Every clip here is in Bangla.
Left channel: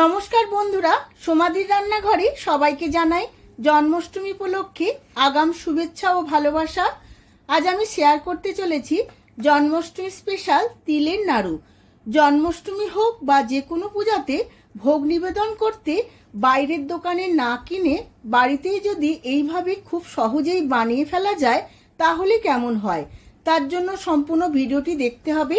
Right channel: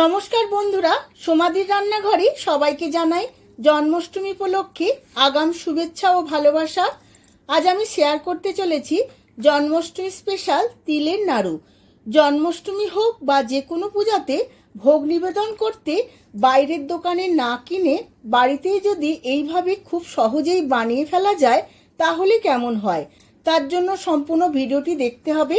নমস্কার বন্ধুরা, সোমাদির রান্নাঘরে সবাইকে জানাই জন্মাষ্টমী উপলক্ষে আগাম শুভেচ্ছা ও ভালোবাসা। আজ আমি শেয়ার করতে চলেছি জন্মাষ্টমী স্পেশাল তিলের নাড়ু। জন্মাষ্টমী হোক বা যে কোনো পূজাতে ভোগ নিবেদন করতে বাইরের দোকানে না কিনে বাড়িতেই যদি এইভাবে খুব সহজেই বানিয়ে ফেলা যায় তাহলে কেমন হয়, তার জন্য সম্পূর্ণ ভিডিওটি দেখতে হবে।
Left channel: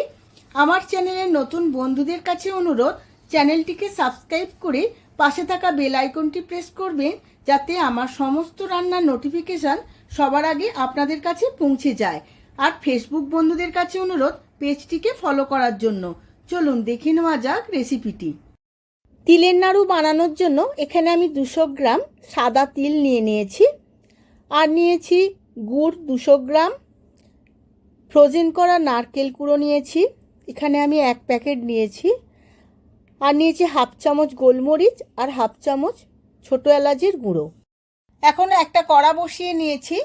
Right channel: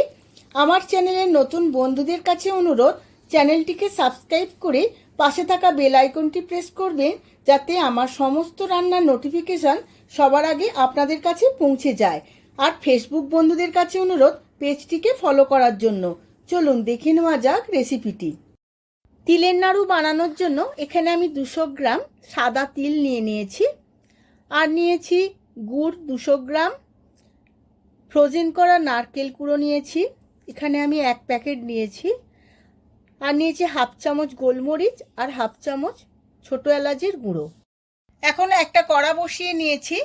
আমার চ্যানেলের নতুন বন্ধুদের কাছে অনুরোধ, চ্যানেলটিকে সাবস্ক্রাইব করে পাশে থাকা বেল আইকনটি প্রেস করবেন, যাতে আমার সমস্ত রান্নার নোটিফিকেশন সবার আগে আপনাদের কাছে পৌঁছে যায়। আর ফেসবুক বন্ধুদের কাছে অনুরোধ, পেজটিকে ফলো করার জন্য। চলুন দেখে নেওয়া যাক রেসিপিটি। তিলের নাড়ু বানানোর জন্য এখানে আমি 200 গ্রাম সাদা তিল নিয়ে নিয়েছি, আর নিয়েছি গুড় 200 গ্রাম, ফ্রোজেন করা নারকেল কুড়ো নিয়েছি, এখানে আমি 1 প্যাকেট নিয়েছি, আর নিয়েছি হাফ চামচ গোলমরিচ আর হাফ চামচ ছোট এলাচের গুঁড়ো। এখন একটা কড়া বসিয়ে নিয়েছি।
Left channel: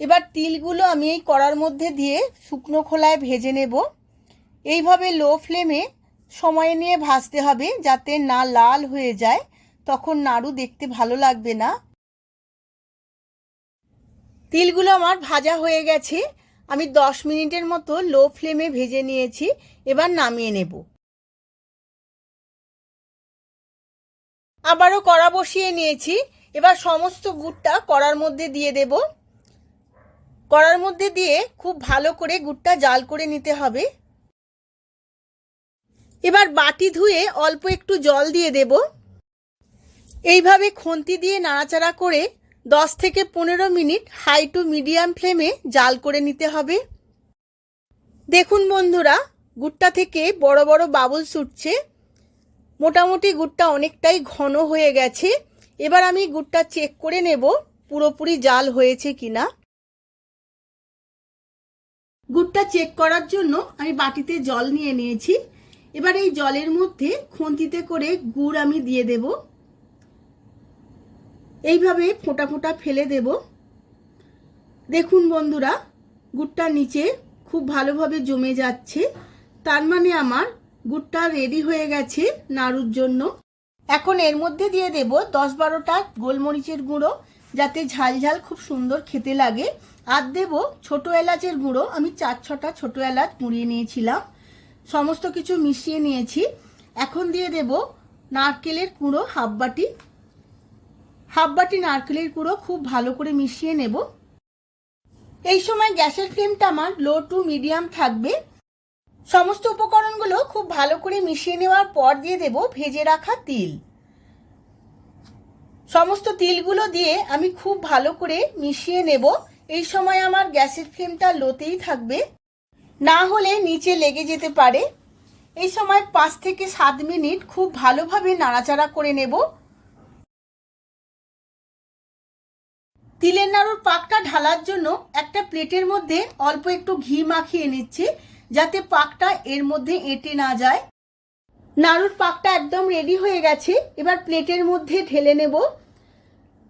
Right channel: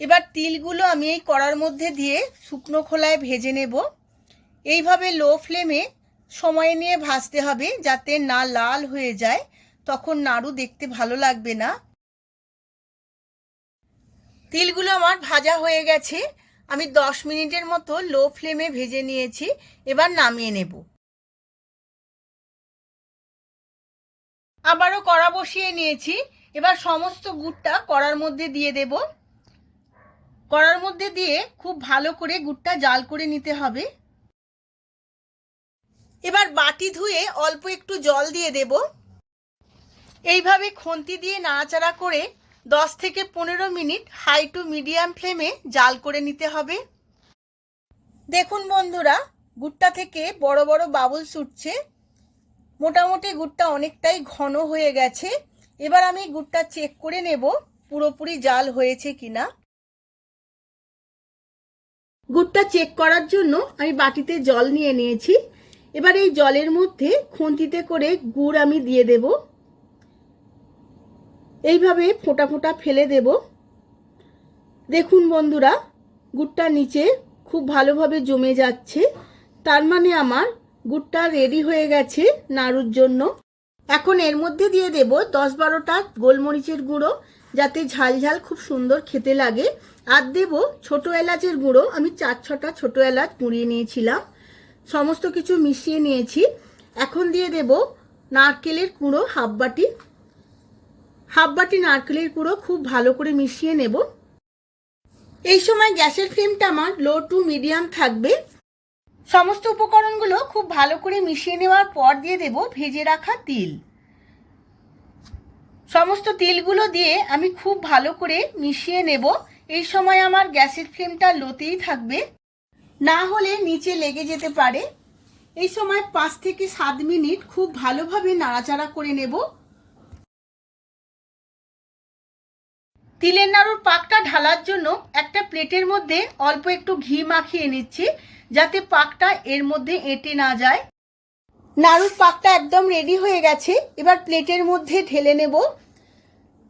এবার তিলগুলো আমি এই কড়ার মধ্যে দিয়ে শুকনো খোলায় ভেজে নেব। এইভাবে লো ফ্লেমে সময় নিয়ে ভাজতে হবে, যাতে না লাল হয়ে যায়, তখন নাড়ু দেখতে ভালো লাগবে না। তিলগুলো আমার ভাজা হয়ে গেছে, আমি 10 মিনিটের মতো লো ফ্লেমে ভেজে নিয়েছি। এবার নামিয়ে নেব। আবারও কড়া বসিয়ে নিয়েছি। এবার সমস্ত গুড়টা কড়ার মধ্যে দিয়ে দেব। কড়ার মধ্যে দিয়ে খুব ভালো করে গুড়টা জাল করে নিতে হবে। এবার বাটি ধুয়ে অল্প একটু জল দিয়ে দেব। এইভাবে খুন্তি দিয়ে নাড়াচাড়া করে 10 থেকে 15 মিনিট হাই টু মিডিয়াম ফ্লেমে জাল করে নিতে হবে। দেখুন বন্ধুরা, গুড়টা থেকে বড় বড় বাবলস উঠছে। মোটামুটি গুড়টা অনেকটাই ঘন হয়ে গেছে। এবার আমি গুড়টা চেক করে নেব পুরোপুরি জাল হয়েছে কিনা। গুড়টা চেক করার জন্য আমি বাটিতে জল নিয়ে নিয়েছি। এবার এই জলের মধ্যে খুন্তিতে করে গুড় আমি দিয়ে দেব। এইভাবে ফোঁটা ফোঁটা ফেলে দেব। দেখুন বন্ধুরা, গুড়টা নিচে খুব ভালোভাবে জমে যাচ্ছে, তার মানে আমার গুড়টা রেডি হয়ে গেছে নাড়ুর জন্য। এখন এর মধ্যে দিয়ে দেব 10-12টা গোলমরিচের গুঁড়ো, যাতে ঝাল ঝাল খুব সুন্দর খেতে লাগে। আর দেব ছোট এলাচের গুঁড়ো, আমি 4-6টা ছোট এলাচ গুঁড়িয়ে নিয়েছিলাম। সমস্ত কিছু মিশিয়ে নিয়েছি। এখন দিয়ে দেব নারকেলের কুড়ো হাফ বাটি নারকেলের কুড়ো খুব ভালো করে মিশিয়ে নেব। এই সময় গ্যাসের ফ্লেমটা আমার লো টু মিডিয়াম থাকবে। সমস্ত উপকরণগুলো খুব ভালো করে মিশিয়ে নেওয়ার পর দিয়ে দেব ভেজে রাখা তিল। সমস্ত তিলগুলো দিয়ে আমি খুব ভালো করে মিশিয়ে নেব। এই সময় আমার গ্যাসের ফ্লেমটা লোতেই থাকবে, না হলে নিচে লেগে যেতে পারে। এই সময় 5 থেকে 7 মিনিট খুব ভালোভাবে নাড়াচাড়া করে নেব। তিলের নাড়ুর পাকটা ঢালার জন্য একটা প্লেটের মধ্যে অল্প একটু ঘি মাখিয়ে নিচ্ছি, যাতে পাকটা এর মধ্যে এঁটে না যায়। নাড়ুর পাকটা একদম রেডি হয়ে গেছে। এবার প্লেটের মধ্যে ঢেলে নেব।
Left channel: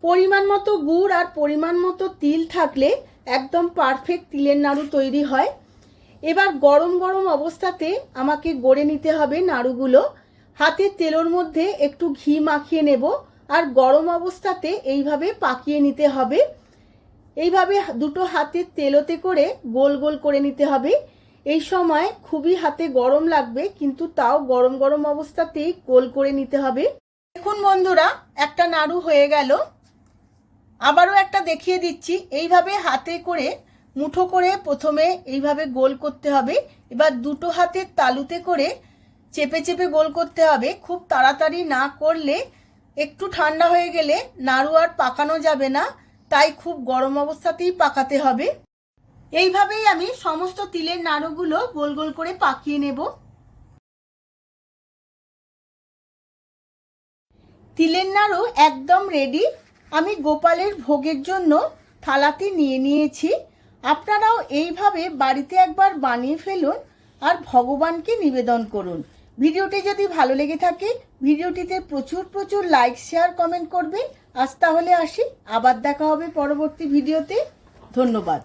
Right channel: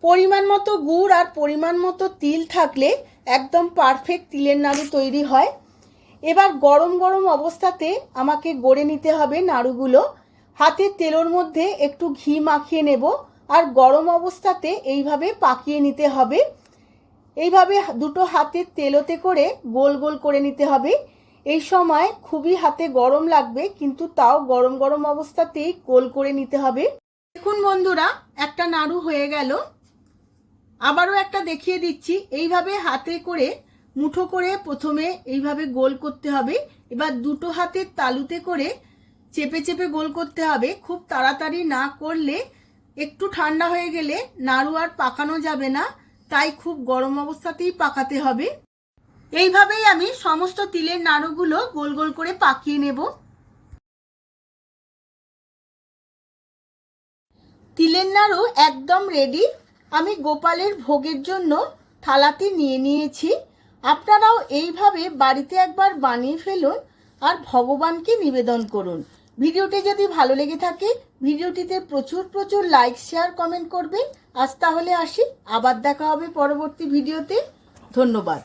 পরিমাণ মতো গুড় আর পরিমাণ মতো তিল থাকলে একদম পারফেক্ট তিলের নাড়ু তৈরি হয়। এবার গরম গরম অবস্থাতে আমাকে গড়ে নিতে হবে নাড়ুগুলো। হাতের তেলের মধ্যে একটু ঘি মাখিয়ে নেব, আর গরম অবস্থাতে এইভাবে পাকিয়ে নিতে হবে। এইভাবে দুটো হাতের তেলোতে করে গোল গোল করে নিতে হবে। এই সময় খুবই হাতে গরম লাগবে, কিন্তু তাও গরম গরম অবস্থাতেই গোল করে নিতে হবে। দেখুন বন্ধুরা, একটা নাড়ু হয়ে গেল। আবারও একটা দেখিয়ে দিচ্ছি। এইভাবে হাতে করে মুঠো করে প্রথমে এইভাবে গোল করতে হবে। এবার দুটো হাতের তালুতে করে চেপে চেপে গোল করতে হবে। খুব তাড়াতাড়ি না করলে একটু ঠান্ডা হয়ে গেলে নাড়ু আর পাকানো যাবে না, তাই খুব গরম অবস্থাতেই পাকাতে হবে। এইভাবেই আমি সমস্ত তিলের নাড়ুগুলো গোল গোল করে পাকিয়ে নেব। তিলের নাড়ু একদম রেডি। আমি গোপালের ভোগের জন্য থালাতে নিয়ে নিয়েছি। আপনারাও এইভাবে বাড়িতে একবার বানিয়ে ফেলুন আর ভগবানকে নিবেদন করুন। ভিডিওটি যদি ভালো লেগে থাকে ভিডিওটিতে প্রচুর প্রচুর লাইক শেয়ার কমেন্ট করবেন। আজ তাহলে আসি, আবার দেখা হবে পরবর্তী ভিডিওতে। ধন্যবাদ।